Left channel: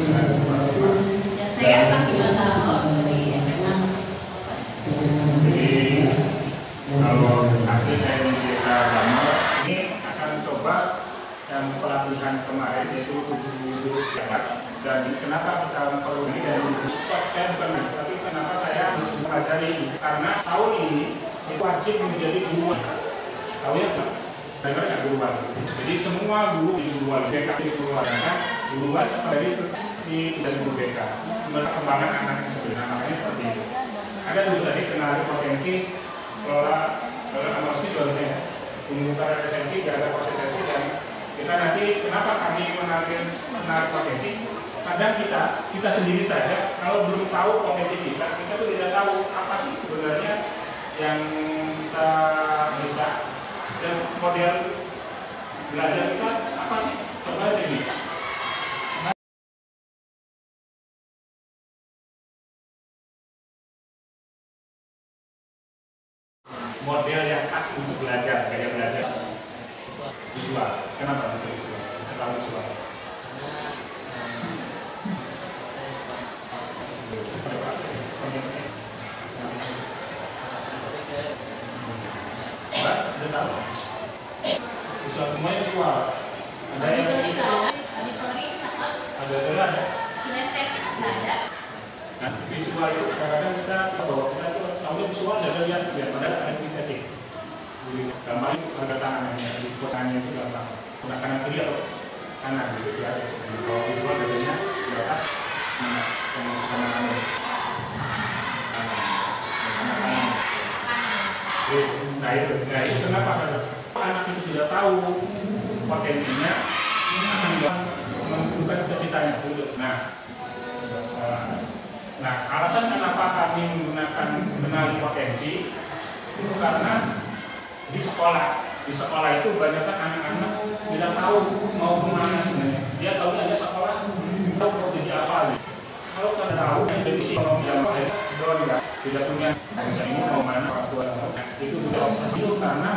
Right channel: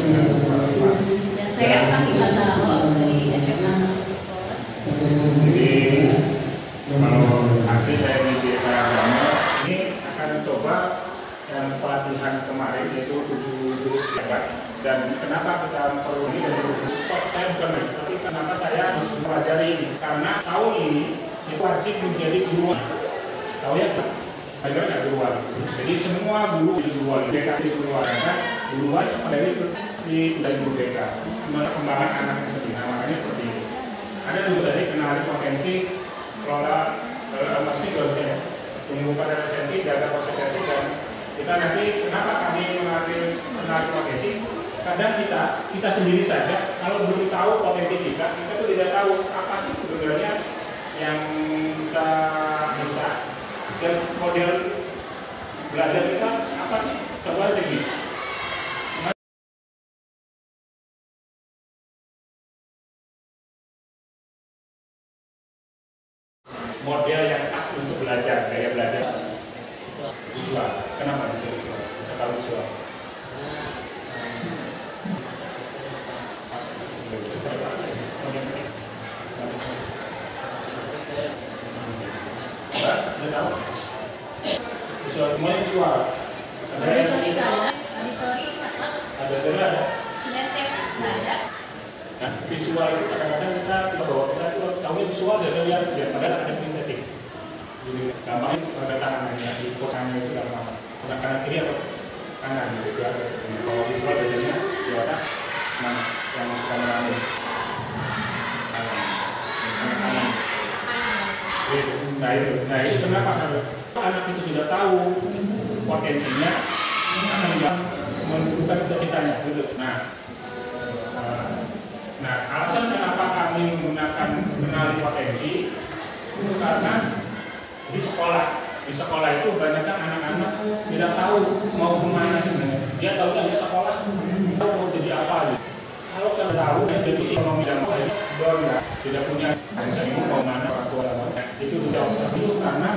Dan saya orang di Basal dari SMA. Jadi kalau asli saya di Desa Damo, ini akan coba yang pelatihan kemarin yaitu 7 jurus hebat. Dan kenapa kita perlu ini dari top saya bukan, tapi kenapa saya mempelajari ini? Karena tahun ini itu wajib menjadi guruan. Tahu ya? Agar nggak guruan. Jadi semua guru di guruan, BK di guruan, kan? Guruan dari tidak guru BK. Perkembangan anak itu sendiri, namanya seperti itu. Ada dulu tadi kenali potensi, kelola emosi jualnya, pembukaan resensi, ada konsentrasi dan kita nanti kenapa kami mengambil kenali potensi? Kadang kita sendiri saja kalau belum tahu potensi kita tuh tidak tahu apa sih sebenarnya yang kita bisa. Dan model belajar kita apa sih? Coba aja nih. Model yang khas untuk belajar, gaya belajar visual. Kenapa bisa visual? Bisa tahu visual. Visual semuanya visual. Ada auditori sama ada. kinestetik ada. Nah, visual itu kadang-kadang kita bahwa kita itu tahu visual jadi lihat ya padahal ada kinestetik. Jadi gambarnya ada tangannya, di tangannya itu apa? Kanan kiri atau kanan gitu ya. Kalau visual biasanya di otak mana yang suka mengalami. Nah itu kenapa kalau anak itu sudah tahu potensinya akan menentukan cita-citanya gitu. Nah, alasan kenapa kami menggunakan mengenali potensi itu karena di sekolah itu banyak kan anak-anak tidak tahu mau kemana sebenarnya. Dia tahu hanya sekolah, tahu mau jadi apa gitu. Kalau kita tahu jadi ekonomi dan lain tidak punya bisa ibu mau mana itu tidak usah itu karena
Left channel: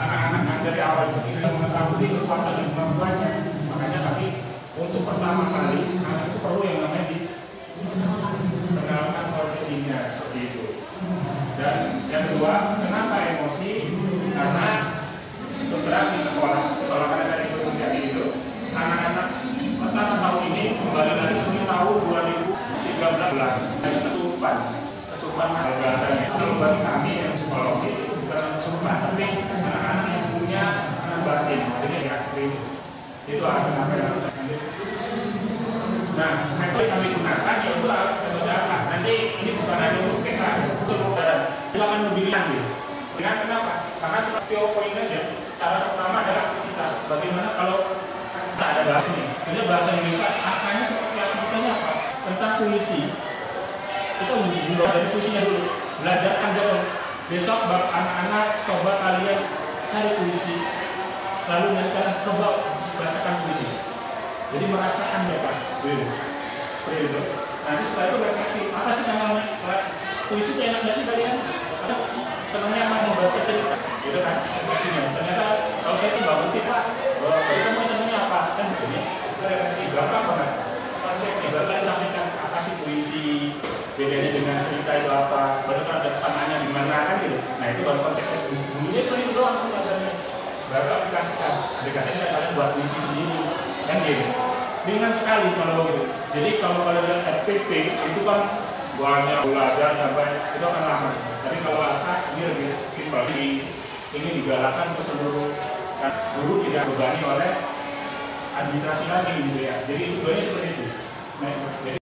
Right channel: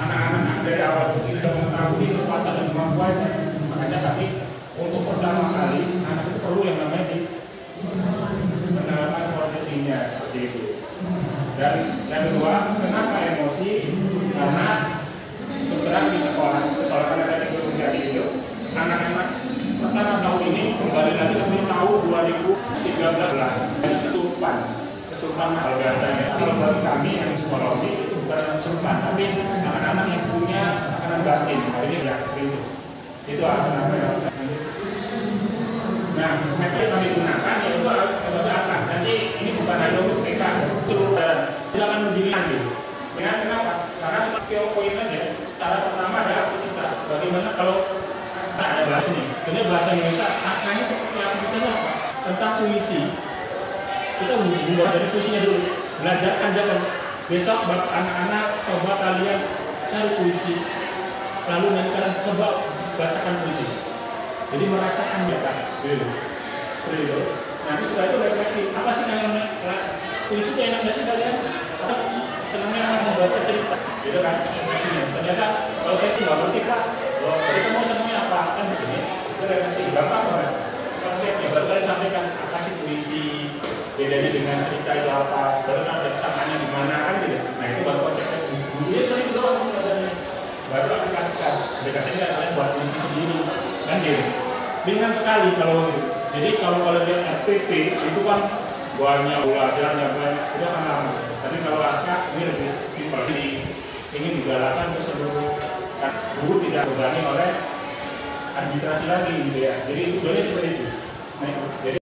anak-anak dari awal itu tidak mengetahui kekuatan dan kemampuannya. Makanya tapi untuk pertama kali anak itu perlu yang namanya dikenalkan profesinya seperti itu. Dan yang kedua, kenapa emosi? Karena terus terang di sekolah karena saya ikut menjadi itu anak-anak pertama tahun ini kembali lagi seperti tahun 2013 dan kesurupan kalau bahasanya. Kalau bagi kami yang psikologi itu bukan kesurupan tapi anak-anak yang punya anak batin, jadi ya itu kenapa yang harus lanjut. Nah, metode yang kami gunakan yaitu apa? Nanti ini bukan hanya untuk PK, seluruh jalan. Kita akan memilih gitu. Kenapa? Karena poin aja. Cara pertama adalah aktivitas. Bagaimana kalau ada bahasa ini? Sebenarnya bahasa Indonesia akarnya seperti aktivitasnya apa? Tentang puisi. Kita mulai dari puisinya dulu. Belajar ajaran. Besok anak-anak coba kalian cari puisi. Lalu nanti kalian coba bacakan puisi. Jadi merasakan mereka. Dulu. Nanti setelah itu refleksi. Apa sih yang puisi itu enak nggak sih kalian? Karena senangnya emang membaca cerita, gitu kan? Ternyata kalau saya tidak ngerti Pak, itu mau senangnya apa? Kan begini, itu refleksi. Gampang banget. Konsepnya baru kalian sampaikan apa sih puisi, bedanya dengan cerita itu apa, baru ada kesamaannya di mana kan gitu. Nah itu baru konsepnya. Itu doang katanya. Baru aplikasinya kalian buat puisi sendiri, kan gitu. Ringan sekali kalau gitu. Jadi kalau kalian lihat RPP itu kan banyak belajarnya banyak, itu akan lama. Tapi kalau akad ini lebih simpel. Jadi ini digalakkan ke seluruh kan, guru tidak berbani oleh administrasi lagi gitu ya. Jadi tujuannya seperti itu. Nah, jadi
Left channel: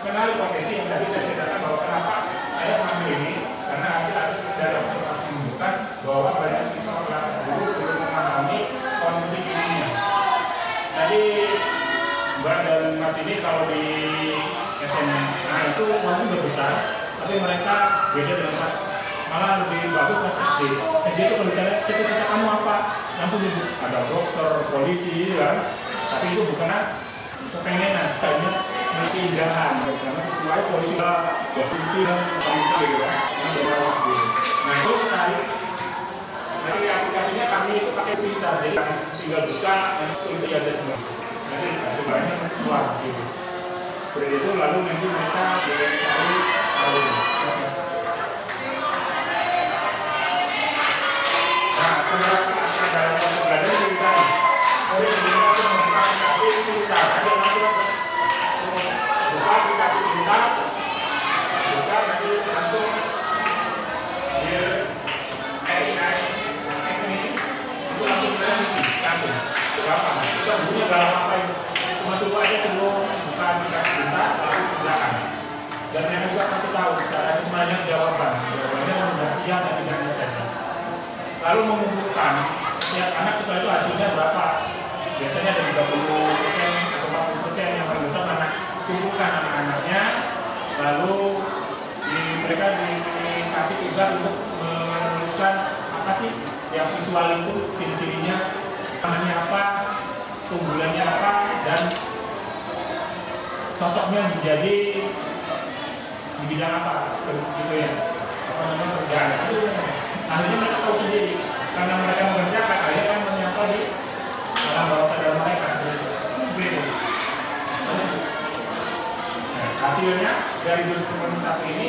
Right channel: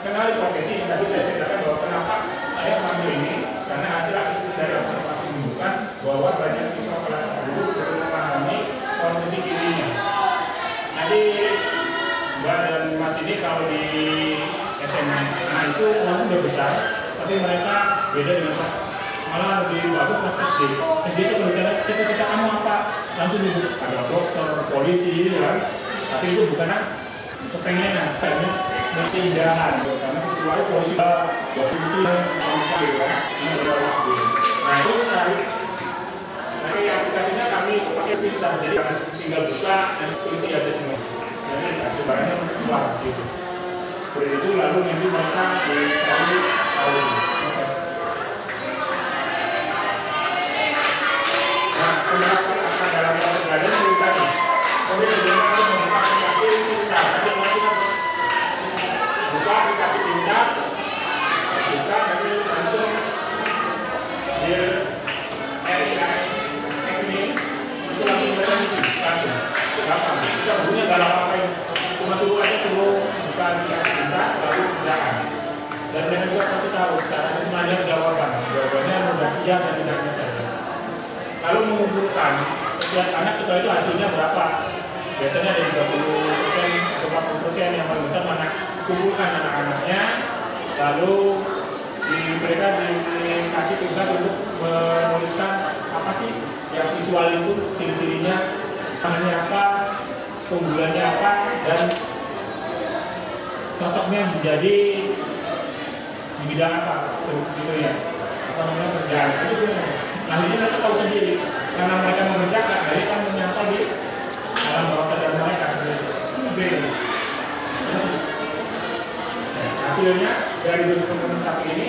kenali potensi yang tadi saya ceritakan bahwa kenapa saya mengambil ini karena hasil asesmen dari observasi menunjukkan bahwa banyak siswa kelas 10 belum memahami kondisi dirinya. Tadi Mbak dan Mas ini kalau di SMA SMA itu walaupun berbesar, tapi mereka beda dengan kelas, malah lebih bagus kelas SD. SD itu kalau bicara cita-cita kamu apa, langsung ibu ada dokter, polisi, kan? Tapi itu bukan kepengenan, kayaknya tindakan. Karena sesuai polisi dokter itu yang bisa gitu kan, ini beberapa SD. Nah itu sekali. Nanti aplikasinya kami pakai pintar, jadi kami tinggal buka dan isi aja semua. Jadi sebenarnya keluar gitu. Seperti itu lalu nanti mereka dikasih tahu. Nah, penerapan dalam proses belajar cerita nih. Kemudian sebelumnya aku membuka aplikasi cerita. Tadi masih buka aplikasi cerita, buka tapi langsung dia ini itu langsung kita isi langsung. Gampang. Kita punya dalam apa yang cuma suruh aja sebelum buka aplikasi cerita lalu kerjakan. Dan mereka juga kasih tahu cara semuanya jawabannya mudah iya dan tidaknya saja. Lalu mengumpulkan setiap anak sekolah itu hasilnya berapa? Biasanya ada 30% atau 40% yang paling besar anak kumpulkan anak-anaknya, lalu mereka dikasih tugas untuk menuliskan apa sih ya visual itu, ciri-cirinya, namanya apa, keunggulannya apa, dan cocoknya menjadi di bidang apa, gitu ya, apa namanya kerjaan. Akhirnya mereka tahu sendiri, karena mereka mengerjakan, akhirnya kan menyangkal di alam bawah sadar mereka. Hasilnya dari 2021 ini,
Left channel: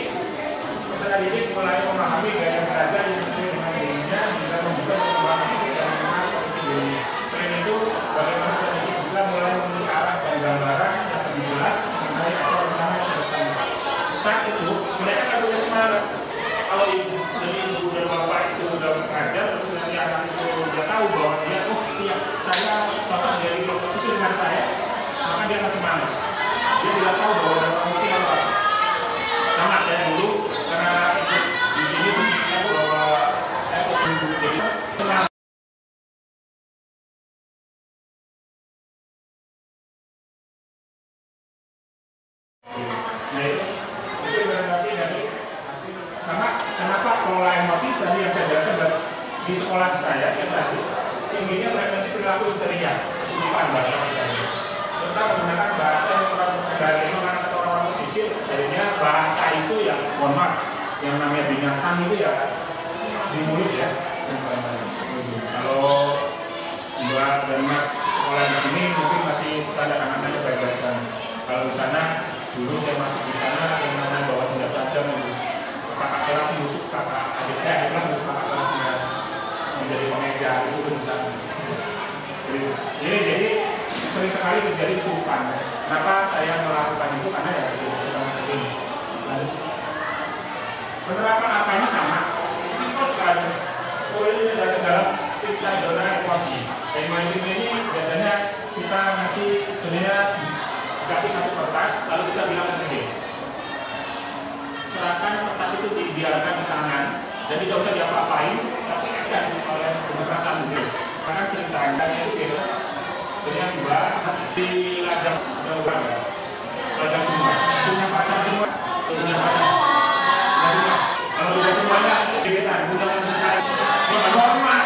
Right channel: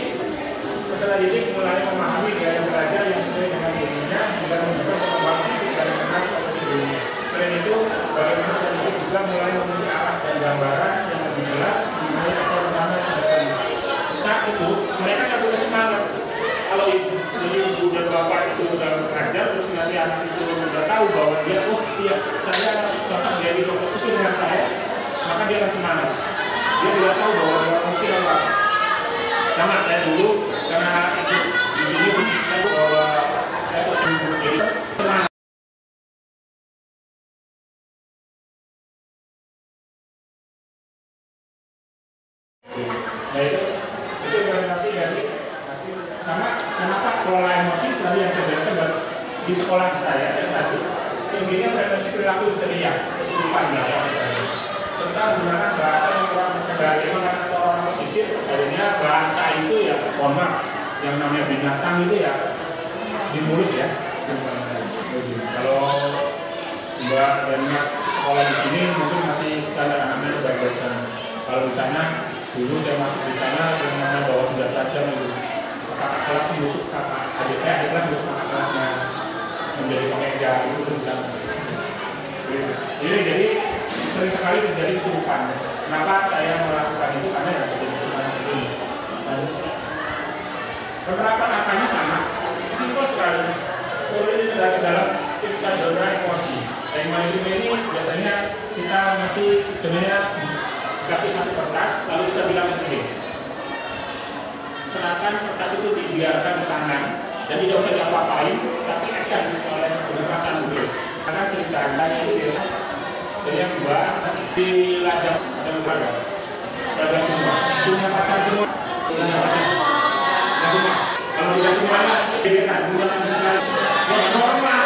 peserta didik mulai memahami gaya belajar yang sesuai dengan dirinya, juga membuka perkembangan fisik dan kenal potensi diri. Selain itu, bagaimana peserta didik juga mulai memiliki arah dan gambaran yang lebih jelas mengenai apa rencana yang depan. Saat itu, mereka kan boleh semangat. Kalau ibu dan bapak itu sudah mengajar, terus nanti anak itu sudah tahu bahwa dia, oh iya, saya cocok jadi dokter sesuai dengan saya, maka dia akan semangat. Dia tidak tahu bahwa orang mesti apa. Sama saya dulu, karena itu di sini saya tahu bahwa saya kok jadi semangat. Nah itu representasi dari. Karena kenapa kelola emosi tadi yang saya jelaskan di sekolah saya yang tadi tingginya frekuensi perilaku histeria, kesulitan bahasa tadi, serta menggunakan bahasa yang kuat dari atau orang pesisir. Akhirnya bahasa itu ya, mohon maaf, yang namanya binatang itu ya di mulut ya. Kalau Mbak dan Mas sekolah di sini mungkin masih standar anak-anak baik-baik sana. Kalau di sana dulu saya masuk di sana yang namanya bawa senjata tajam itu. Kakak kelas busuk kakak adiknya, adiknya busuk kakak kelasnya menjadi pemeja itu bisa. Jadi sering sekali terjadi kesurupan. Kenapa saya melakukan itu? Karena ya terjadi kesurupan ini. Penerapan apanya sama, simpel sekali. Kalau ini dalam kita zona emosi. Emosi ini biasanya kita ngasih dunia kasih satu kertas, lalu kita bilang penting. Serahkan kertas itu dibiarkan di tangan dan tidak usah diapa-apain, tapi akan oleh perasaan dulu. Karena ceritanya itu biasa jadi yang dua di lajang ada beberapa lajang semua punya pacar semua, punya pacar nggak semua. Kalau tidak semuanya kita bukan sekali ini normal.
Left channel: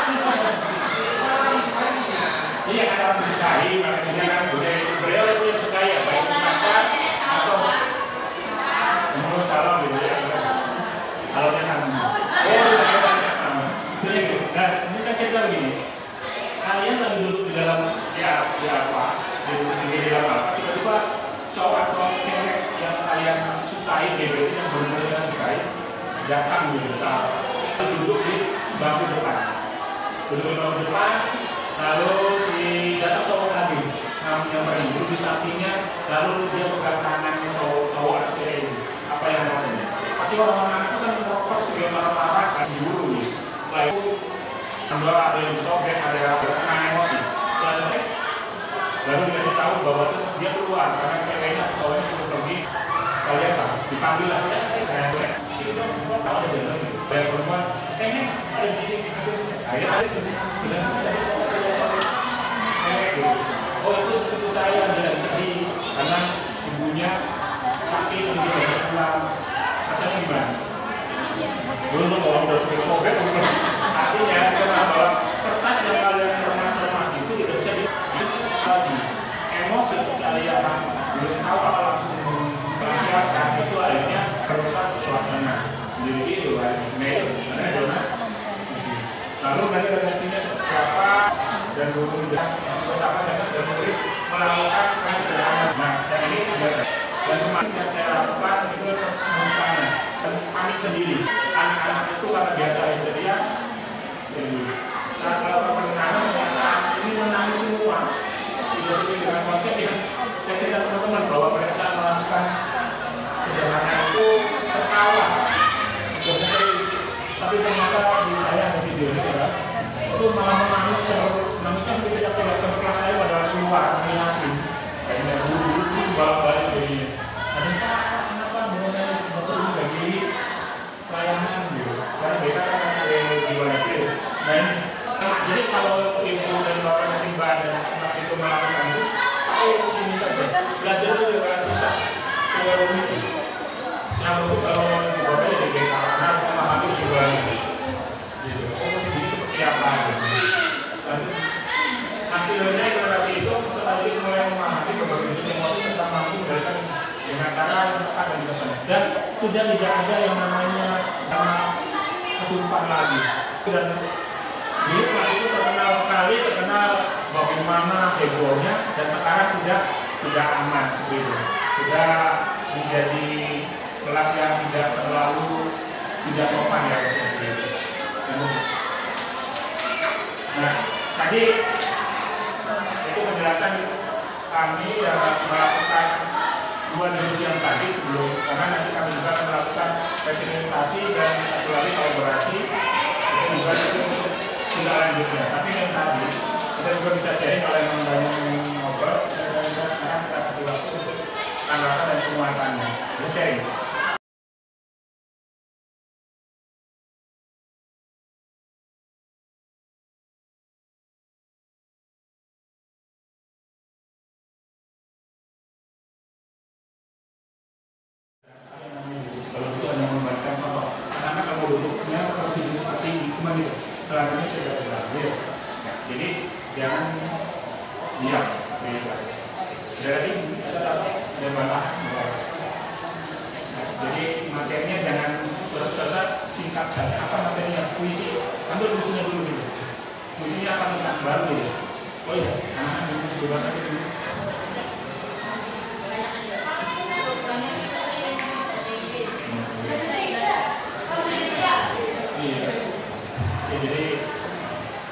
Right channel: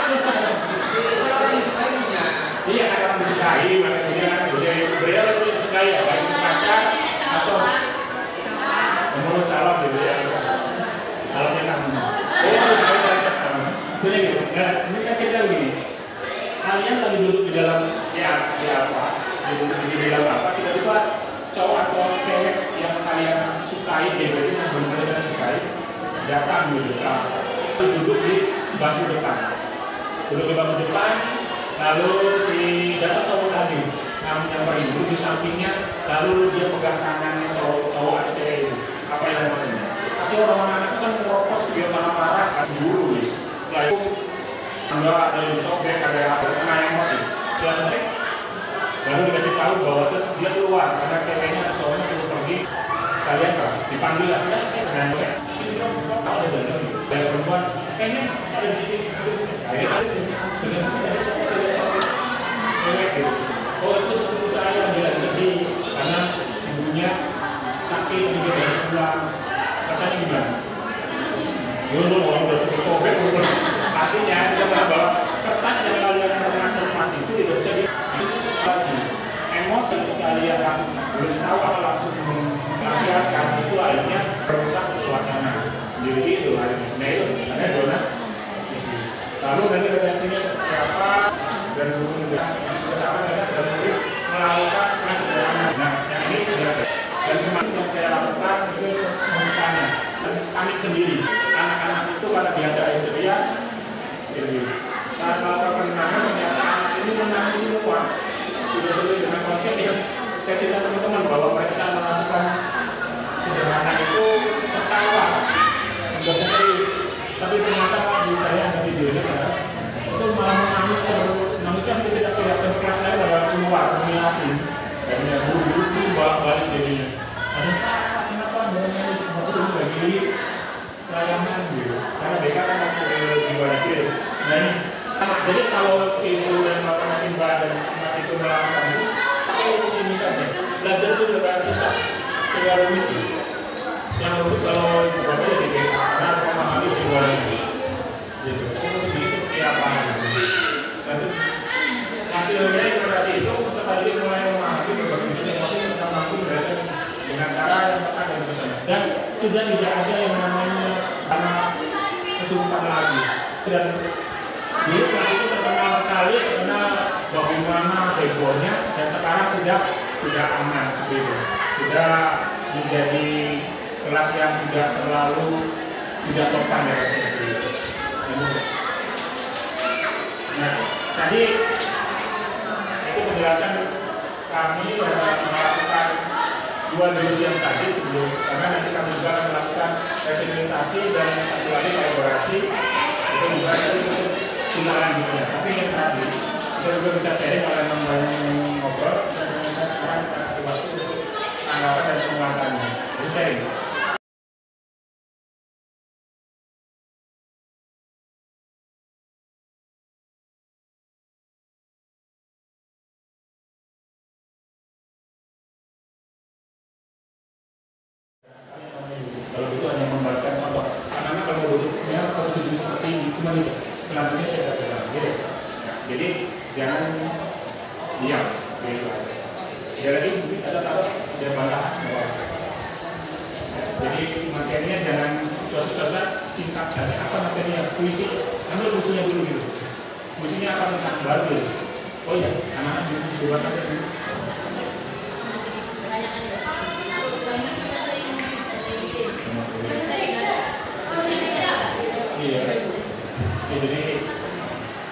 Iya karena disukai, makanya dia kan beliau itu disukai ya, baik pacar atau menurut calon gitu ya. Kalau dia kan itu gitu. Nah, ini saya cerita begini. Kalian lagi duduk di dalam di apa? Di dalam apa? Tiba-tiba cowok atau cewek yang kalian sukai, gitu, yang benar-benar sukai, datang gitu. Duduk di bangku depan. Duduk di bangku depan, lalu si datang cowok lagi. Namun yang beribu di sampingnya, lalu dia pegang tangannya cowok atau cewek itu. Apa yang maksudnya? Pasti orang-orang itu kan merokok juga marah-marah kan dulu ya. Setelah itu ada yang sobek, ada yang kena emosi. Lalu dikasih tahu bahwa terus dia keluar karena ceweknya cowoknya itu pergi. Kalian dipanggil lah. Kalau ada lagi, banyak perempuan. Kayaknya ada di sini. Ada di sini. Oh itu sepupu saya dia sedih karena ibunya sakit. rasanya gimana? Dulu orang udah cukup sobek, artinya dia bahwa kertas yang kalian remas itu tidak bisa lagi. Emosi kalian belum tahu apa langsung melampiaskan itu akhirnya merusak suasana diri itu akhirnya. Nah itu ada zona. Lalu nanti redaksinya siapa dan kemudian bersama dengan dan murid melakukan yang sederhana. Nah yang ini biasa. Dan kemarin yang saya lakukan itu mengusulkannya dan panik sendiri. Anak-anak itu karena biasa histeria, saat melakukan penenangan ternyata anak ini menangis semua. Tidak sesuai dengan konsep yang saya cerita teman-teman bahwa mereka saat melakukan penenangan itu tertawa, tidak serius. Tapi ternyata di saya ada videonya ya, itu malah menangis menangiskan tidak sama kelas saya pada keluar menyiapin dan ya buru-buru balik-balik jadinya. Kenapa menangis? Kenapa itu bagi layanan gitu? Karena BK kan sebagai jiwa negeri. Nah ini, jadi kalau ibu dan bapak nanti mbak dan mas itu melakukan itu, pakai sini saja. Belajar itu juga susah, keluar rumit. Yang menurut kalau bapak jadi BK, karena memahami jiwa negeri. Gitu. Jadi seperti apa gitu. Lalu hasilnya generasi itu sekali mulai memahami berbagai jenis emosi tentang mampu berkaitan dengan cara yang tepat dan bersama. Dan sudah tidak ada yang namanya kesurupan lagi. Dan dulu kelas itu terkenal sekali, terkenal bagaimana hebohnya, dan sekarang sudah aman seperti itu. Sudah menjadi kelas yang tidak terlalu tidak sopan ya seperti itu. Nah, tadi itu penjelasan kami melakukan dua divisi yang tadi sebelum, karena nanti kami juga akan melakukan presentasi dan satu lagi kolaborasi itu juga untuk tidak lanjutnya. Tapi yang tadi kita juga bisa sharing kalau memang banyak yang ngobrol dan kita sekarang kita kasih waktu untuk anggapan dan penguatannya. Jadi sharing. Kalau butuh hanya membalikkan contoh, karena kalau butuhnya harus diseperti cuma itu. Selanjutnya saya akan bilang, jadi jangan diam, jadi ada apa? Jangan bantah. Jadi materinya jangan susah-susah, singkat saja. Apa materinya? Puisi, ambil puisinya dulu gitu. Puisinya akan tentang baru gitu. Oh ya, anak-anak puisi bebas aja dulu. Iya, jadi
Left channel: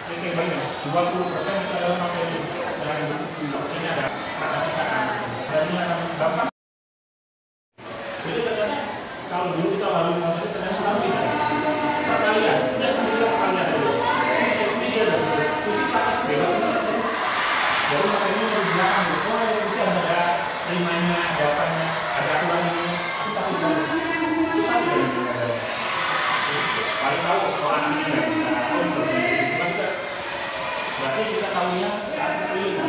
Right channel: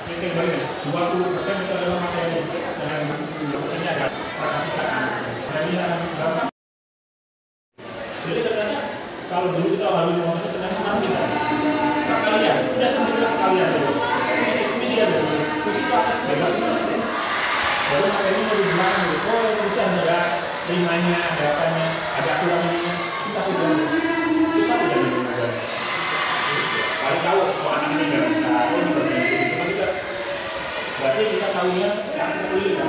ini kembali 20% itu adalah materi dan 20% ada kata-kata. Jadi yang gampang. Jadi katanya kalau dulu kita awali mau itu ternyata kurang kita. Kalian, tidak bilang kalian dulu. Misi ada, misi pakai bebas. Baru materinya dari belakang gitu. Oh, misi ada rimanya, ada apanya, ada aturannya. Kita sudah susah tidak bisa. Paling tahu kalau anak ini nggak bisa, oh ini berarti cuma kita berarti kita tahunya saat kuliah kan.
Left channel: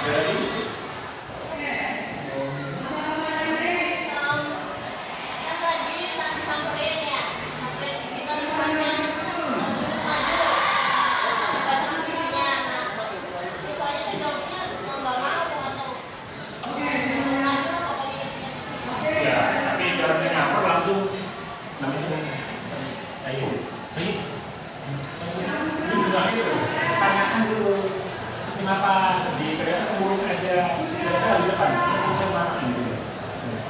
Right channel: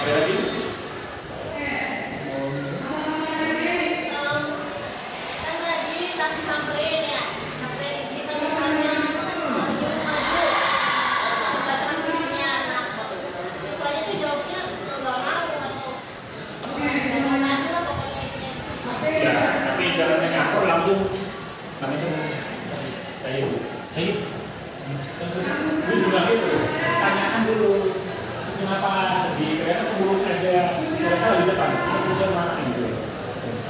Ada lagi? Ya, tapi jangan nyangkut langsung. Namanya saya tanyakan dulu kenapa di kereta buruk aja mereka di depan itu mana gitu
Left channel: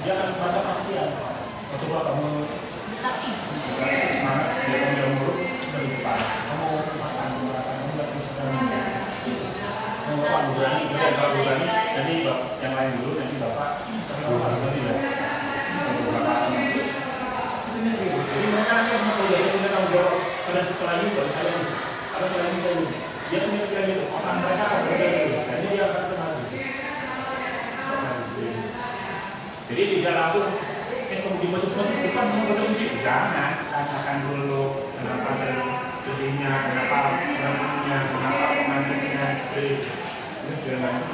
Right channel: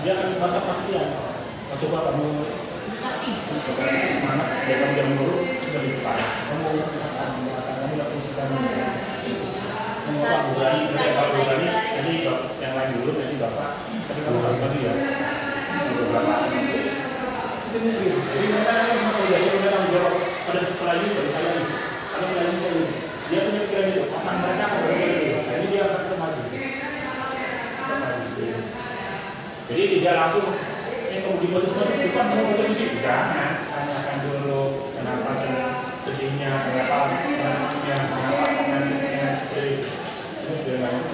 dia akan merasa pastian coba kamu mana dia kamu yang buruk bisa di depan kamu makan merasa kamu nggak bisa kamu apa berani mereka berani jadi yang lain dulu nanti bapak tapi kamu harus berani ya bapak jadi mereka harus mengkuliah, dia punya tanggung jawab pada setelah ini dari saya ini ada setelah ini saya ini dia punya pikiran itu, akan mereka akan jadi dia akan maju jadi tidak langsung kamu gimana tuh, bukan mau ketemu sih jangan, tanyakan dulu kenapa saya sedihnya, kenapa komentarnya jadi biar banyak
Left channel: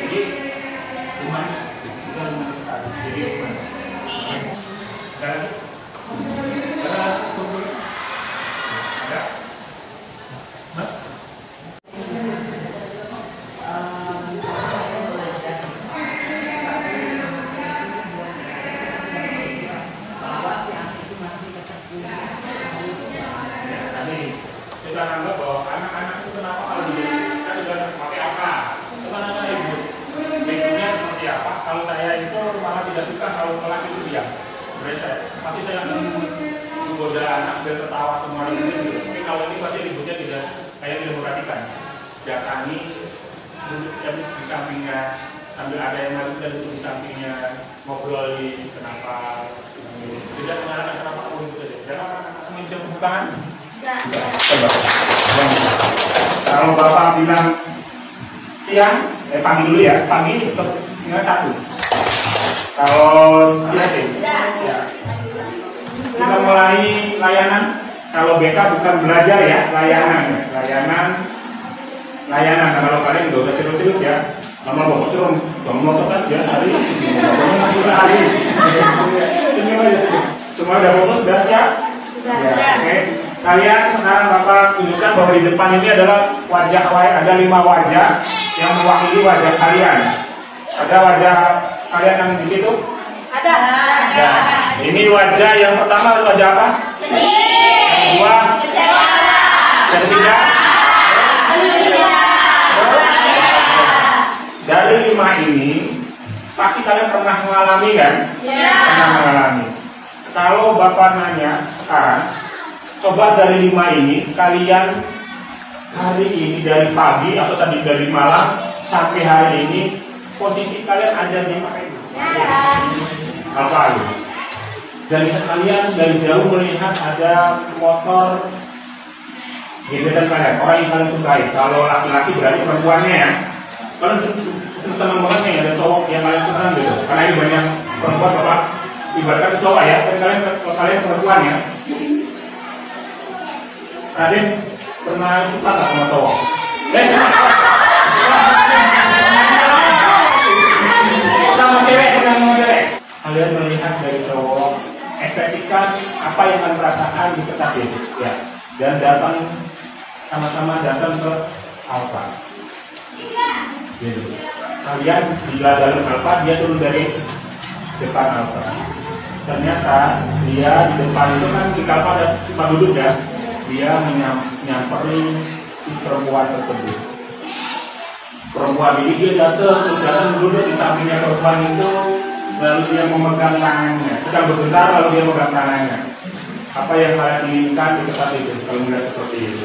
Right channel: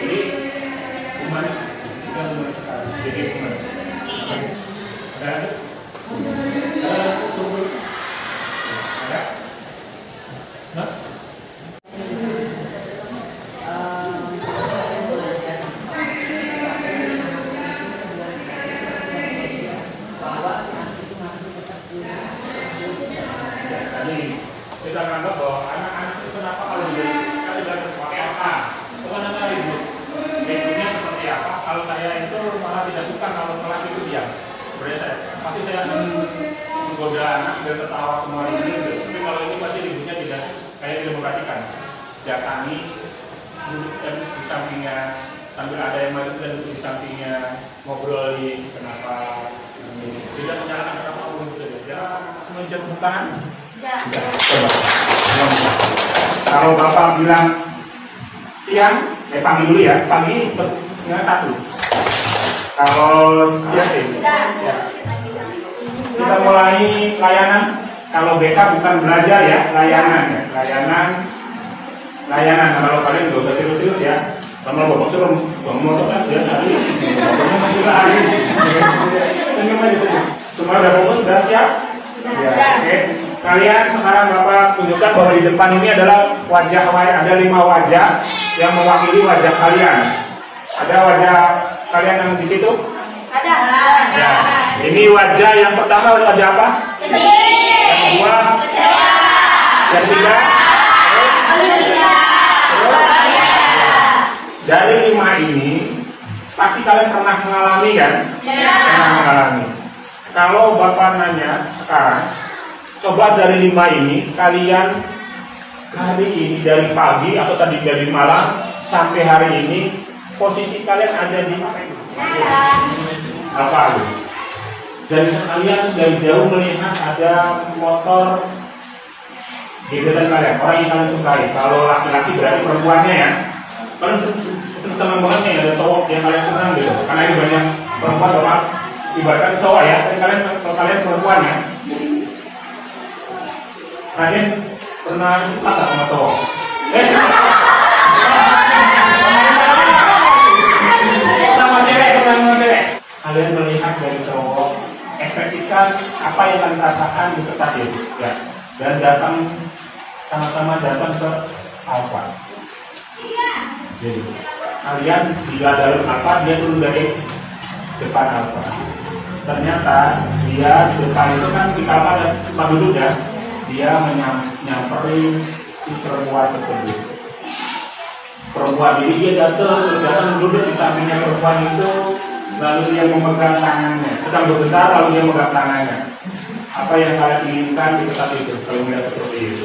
jadi humanis, kita humanis sekali Jadi gimana? Ada lagi? Ada tunggu. Ada? Mas? Kita anggap bahwa anak-anak itu kenapa kalau kita tidak pakai apa? Itu kan ada ribut. Ributnya seperti apa? Kalau saya itu malah tidak suka kalau kelas itu diam. Tapi saya akan menggoda anak dan tertawa semua ini. Tapi kalau ini pasti ributnya tidak tidak memperhatikan. Datangi duduk di sampingnya sambil ada yang maju dan duduk di sampingnya ngobrolin kenapa tidak menyalahkan kenapa ribut aja. Jangan menjauh tangan. Coba. Kalau bapak bilang siang, panggil dulu ya. Panggil dengan satu. Kalau siang, ya. Kita mulai layanan. Kalau BK bukan belajar ya, layanan ya. Layanan. Kalau kalian nggak usah serius ya. Lama bapak turun, bangun motor kan dia hari. Sudah hari. Cuma udah fokus, udah siap. Ya, oke. Kalian sekarang bapak tunjukkan bahwa di depan ini adalah wajah, ada 5 wajah yang mewakili wajah kalian. Ada wajah kalian yang di situ? Ada. Ya. Ini wajah yang pertama wajah apa? Yang kedua? Kecewa. Yang ketiga? Dari 5 ini, pasti kalian pernah mengalami kan? Ya. Pernah mengalami. Kalau bapak nanya sekarang, coba dari 5 ini kalian hari ini dari pagi atau tadi dari malam sampai hari ini posisi kalian ada di mana? Apa itu? Dan kalian dari jauh melihat ada motor gebetan kalian, orang yang kalian sukai. Kalau laki-laki berarti perempuannya ya. Kalian senang banget nih ada cowok yang kalian senang gitu. Karena ini banyak perempuan bapak ibaratkan cowok ya, dan kalian perempuan ya. Kalian pernah suka nggak sama cowok? Sama cewek, sama cewek. Kalian melihat dari cowok, ekspresikan apa yang kalian rasakan di tempat itu, ya. Dan datang sama-sama datang ke Alfa. Jadi, kalian bila dalam Alfa, dia turun dari depan Alfa. Ternyata dia di depan itu kan di Alfa ada tempat duduk ya. Dia nyamperin si perempuan tersebut. Perempuan ini dia datang duduk di sampingnya perempuan itu, lalu dia memegang tangannya. Sedang berbicara lalu dia memegang tangannya. Apa yang kalian inginkan di tempat itu kalau melihat seperti itu?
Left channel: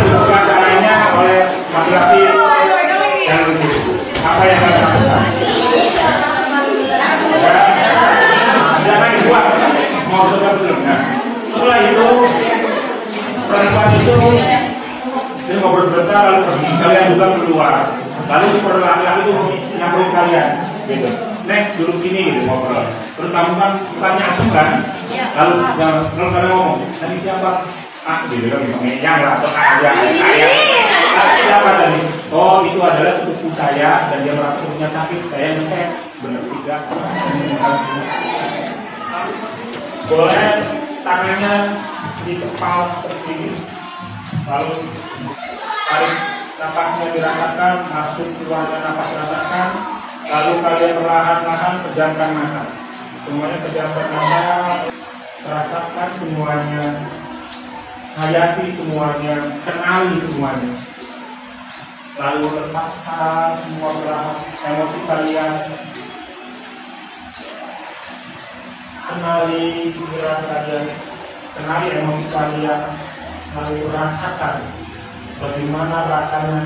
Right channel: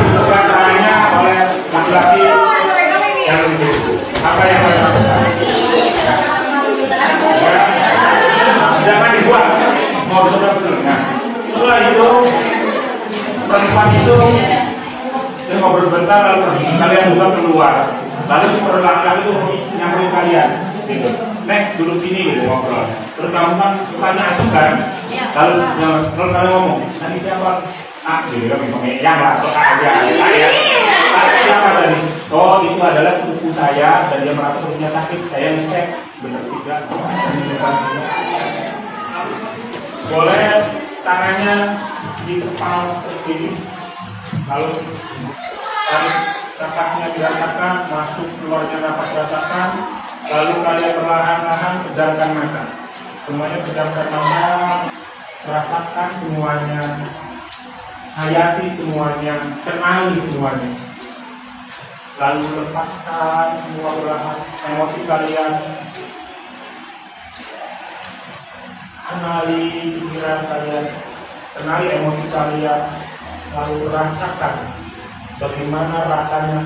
Memegang tangannya oleh laki-laki yang itu. Apa yang kalian lakukan? Jangan dibuat, mau betul-betul. Nah, setelah itu perempuan itu dia ngobrol sebentar lalu pergi. Kalian juga keluar. Lalu si perempuan itu nyamperin kalian, gitu. Nek duduk sini gitu ngobrol. Terus kamu kan tempatnya asing kan? Lalu kalian ngomong, tadi siapa? Gitu kan, yang lah atau aja. Siapa tadi? Oh itu adalah sepupu saya dan dia merasa punya sakit. Saya ngecek, benar tidak? Boleh tangannya di kepala seperti ini. Lalu tarik napasnya dirasakan, masuk keluarnya napas rasakan. Lalu kalian perlahan-lahan pejamkan mata. Semuanya pejamkan mata, rasakan semuanya, hayati semuanya, kenali semuanya. Lalu lepaskan semua perlahan emosi kalian. Kenali pikiran kalian, kenali emosi kalian, lalu rasakan bagaimana rasanya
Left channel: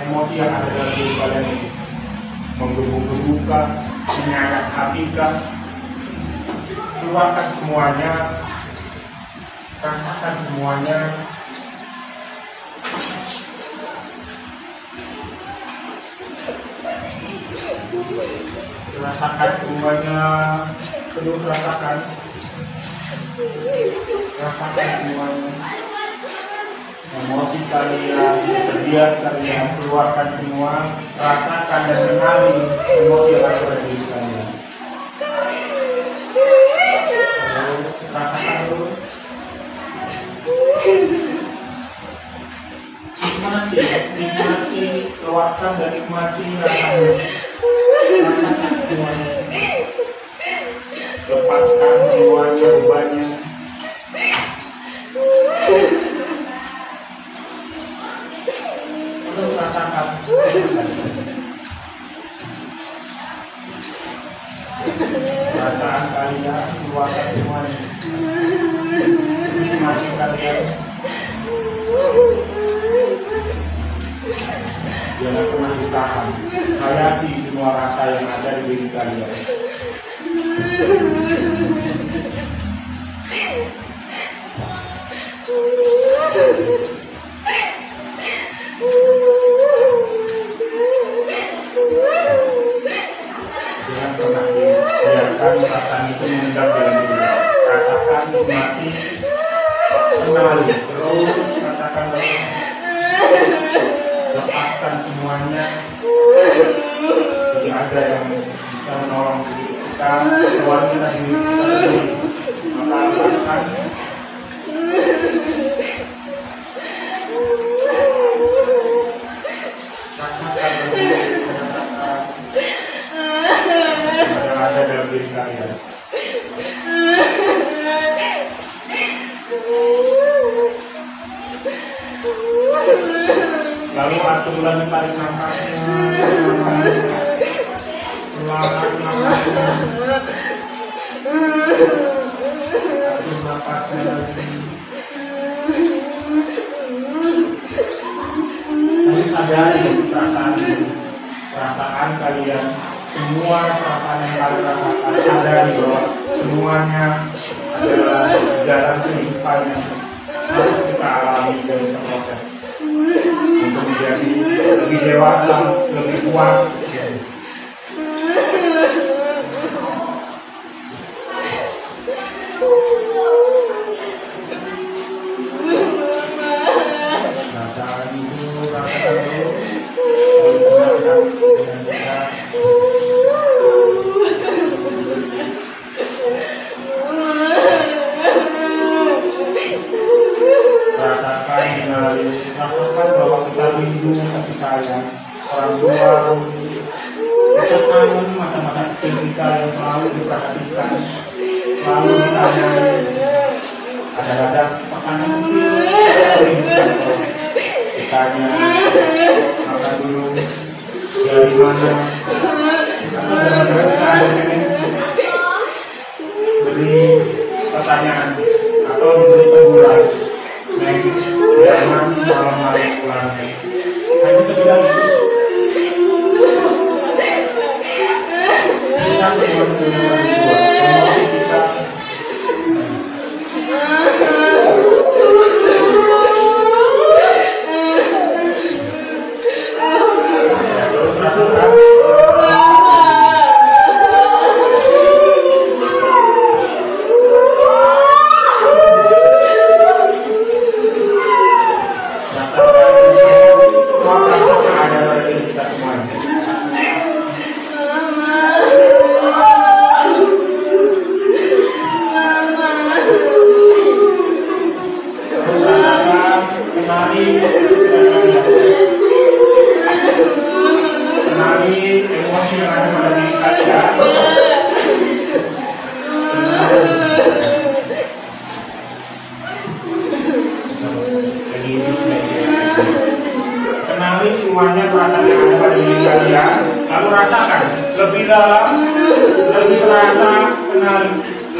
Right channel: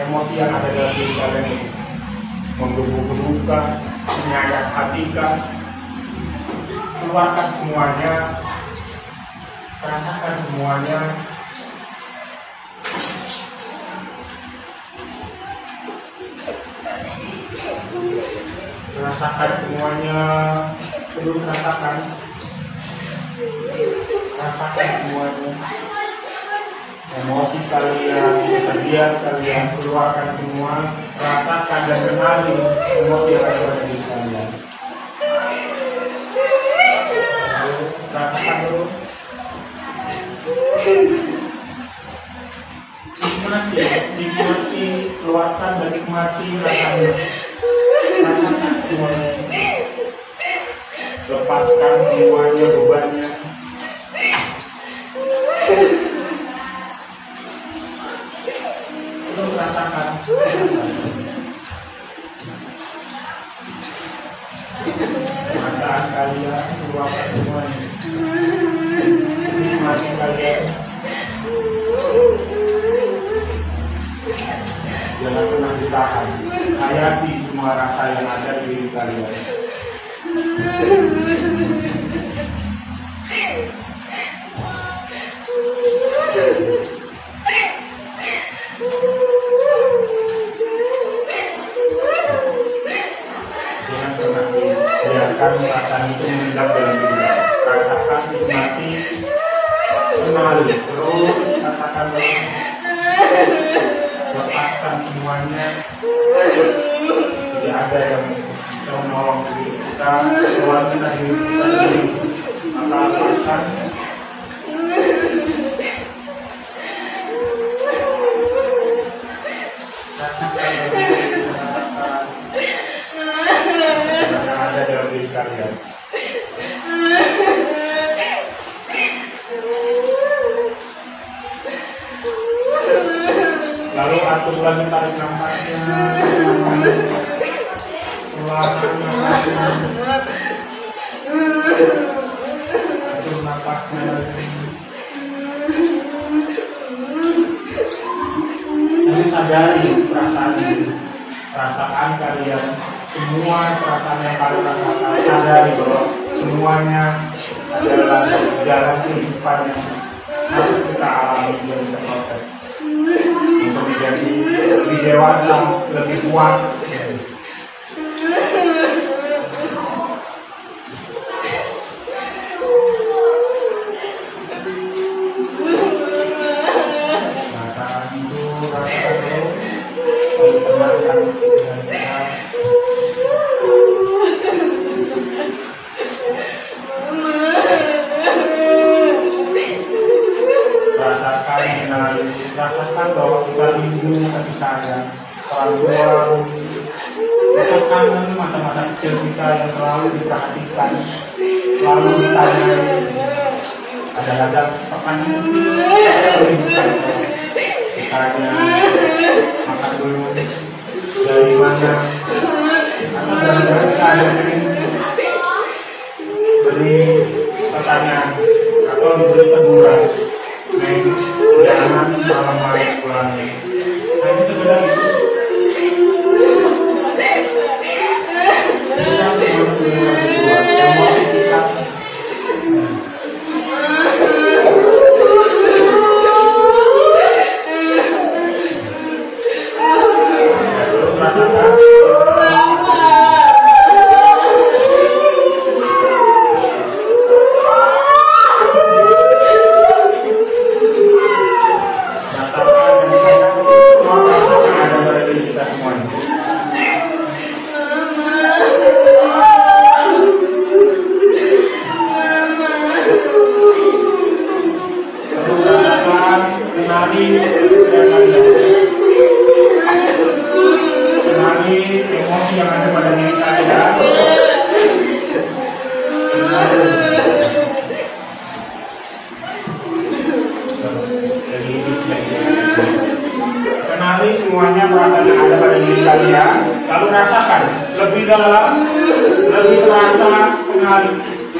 emosi yang ada dalam diri kalian ini, menggebu-gebukan, menyayat hatikan, keluarkan semuanya, rasakan semuanya. Rasakan semuanya, terus rasakan semuanya. Emosi kalian, kesedihan kalian, keluarkan semua, rasakan dan kenali emosi yang ada di diri kalian. Rasakan dulu. Nikmati, keluarkan dan nikmati rasanya. Rasakan semuanya. Lepaskan semuanya bebannya. Terus rasakan. Perasaan kalian, keluarkan semuanya. Nikmati kalian. Jangan pernah ditahan. Hayati semua rasa yang ada di diri kalian. Jangan pernah biarkan perasaan itu mengendap dalam diri. Rasakan, nikmati, kenali, terus rasakan terus. Lepaskan semuanya. Tidak ada yang bisa menolong diri kita, keluarkan diri kita sendiri. Maka lepaskan. Rasakan yang ada dalam diri kalian. Lalu atur lagi tarik nafasnya, keluarkan nafasnya, atur nafasnya lagi. Lalu sadari perasaan kalian, semua perasaan yang kalian rasakan, sadari bahwa semuanya adalah jalan kehidupan yang harus kita alami dan kita proses. Untuk menjadi lebih dewasa, lebih kuat. Rasakan itu, rasakan dulu. Lalu tenangkan dengan benar. Rasakan, kenali, rasakan bahwa kita rindu kasih sayang orang tua. Kita kangen masa-masa kecil kita yang selalu diperhatikan, selalu ditanyai. Ada pertanyaan ditanya, makan dulu, dari mana, atau benar-benar beri pertanyaan atau diberi teguran. Jangan malam-malam pulang. Saya bisa bilang itu. Kita harus berikan dua. Emosi kita. Rasakan. Kenali semuanya perasaan yang ada pada diri kalian, lalu rasakan lebih dalam, lebih terasa, kenali,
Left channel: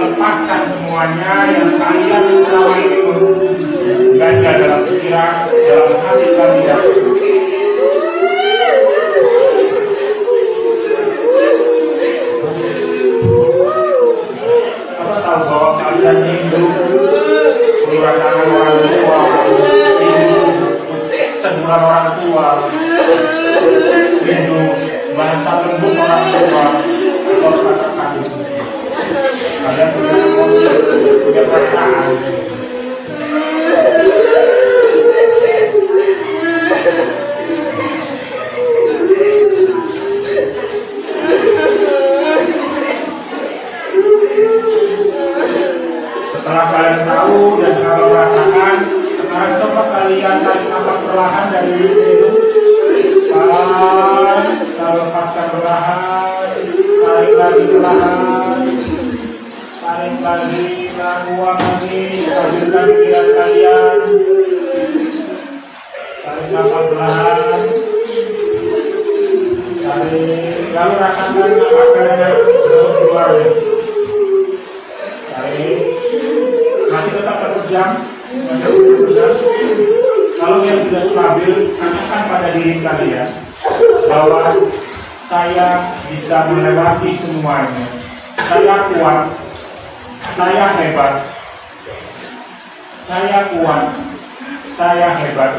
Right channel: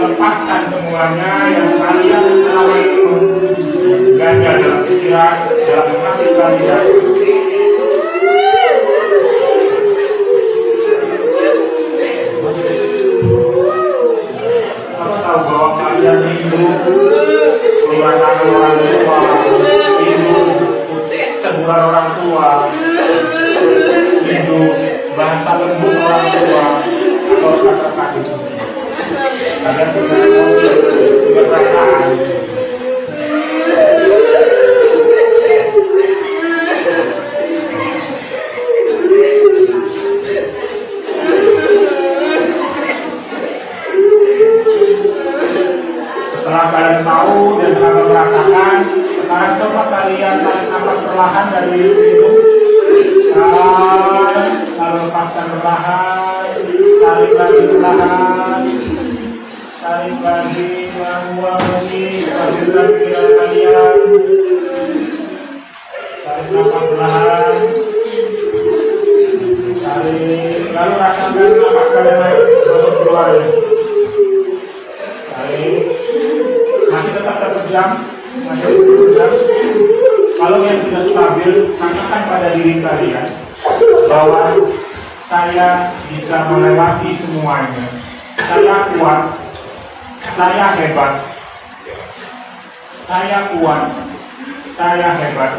lepaskan semuanya yang kalian selama itu ganda dalam pikiran, dalam hati kalian. Harus tahu bahwa kalian hidup menggunakan orang tua, teguran orang tua, hidup bahasa lembut orang tua, atau kata-kata itu. Kalian punya emosi, punya perasaan. dari itu, lalu lepaskan perlahan, tarik lagi perlahan, tarik lagi, buang lagi, ambilkan pikiran kalian, tarik nafas perlahan, tarik, lalu rasakan nafas kalian keluar ya. Tarik, masih tetap 1 jam, masih 1 jam. Kalau yang sudah stabil, katakan pada diri kalian bahwa saya bisa melewati semuanya. Saya kuat, saya hebat, saya kuat, saya hebat,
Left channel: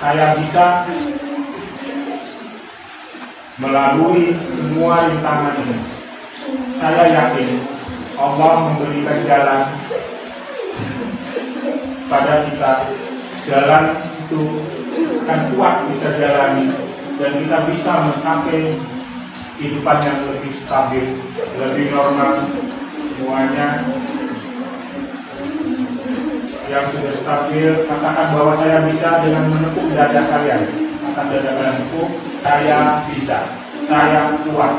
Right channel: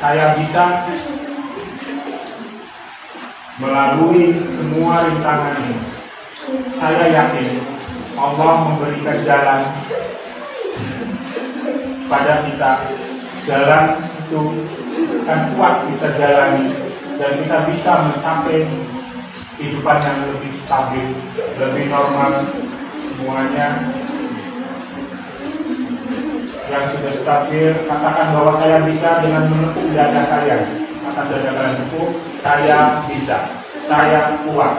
saya bisa melalui semua rintangan ini. Saya yakin Allah memberikan jalan pada kita. Jalan itu akan kuat bisa jalani dan kita bisa mencapai kehidupan yang lebih stabil, lebih normal semuanya. Yang sudah stabil, katakan bahwa saya bisa dengan menepuk dada kalian. Atas dada kalian itu, saya bisa, saya kuat.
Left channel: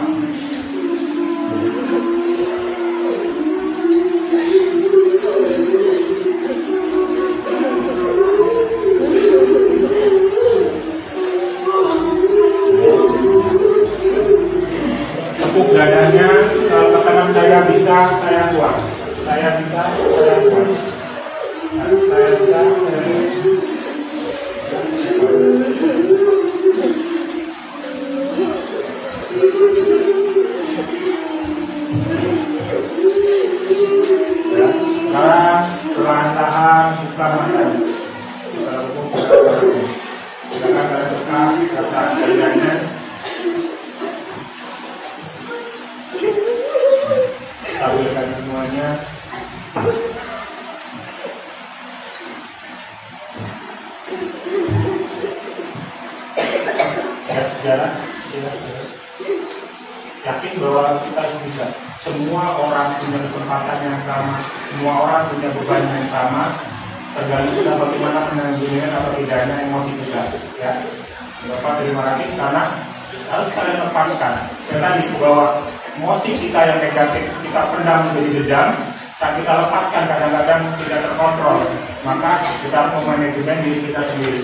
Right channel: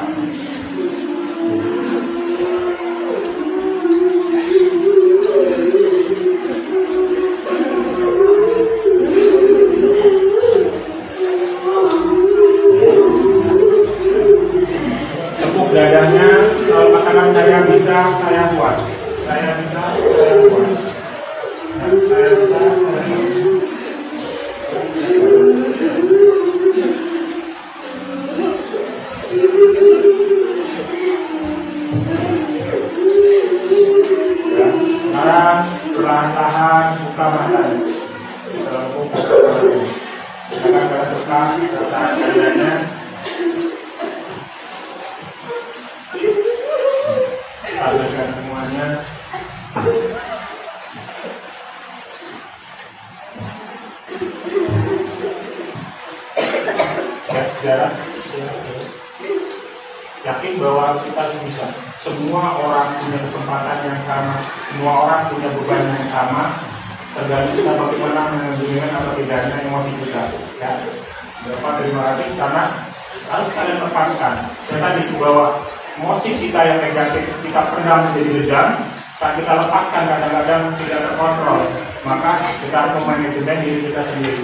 Dadanya, kalau katakan saya bisa, saya kuat. Saya bisa, saya kuat. Saya bisa, saya ya, sekarang perlahan-lahan buka mata. Silakan tertekan rasa kaliannya. Stabilkan semuanya. Ya, sejarah. Yakin bahwa kita bisa. Semua orang punya kesempatan yang sama. Semua orang punya beban yang sama. Tergantung kita bagaimana manajemen atau tidaknya emosi kita. Ya, Bapak terima kasih karena harus kalian lepaskan. Saya tadi bahwa emosi kita yang negatif kita pendam menjadi dendam, saat kita lepaskan kadang-kadang tidak terkontrol, maka kita harus memanajemen diri kita sendiri.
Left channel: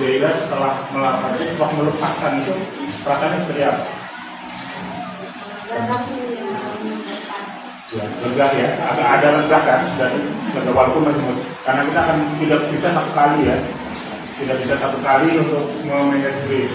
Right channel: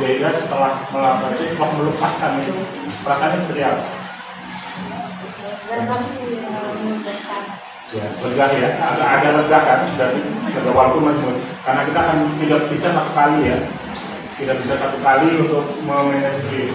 Gairah setelah melakukan itu, setelah melepaskan itu rasanya seperti apa? Ya, lega ya, ada lega kan dari lega walaupun masih karena kita akan tidak bisa 1 kali ya, tidak bisa 1 kali untuk memanage diri.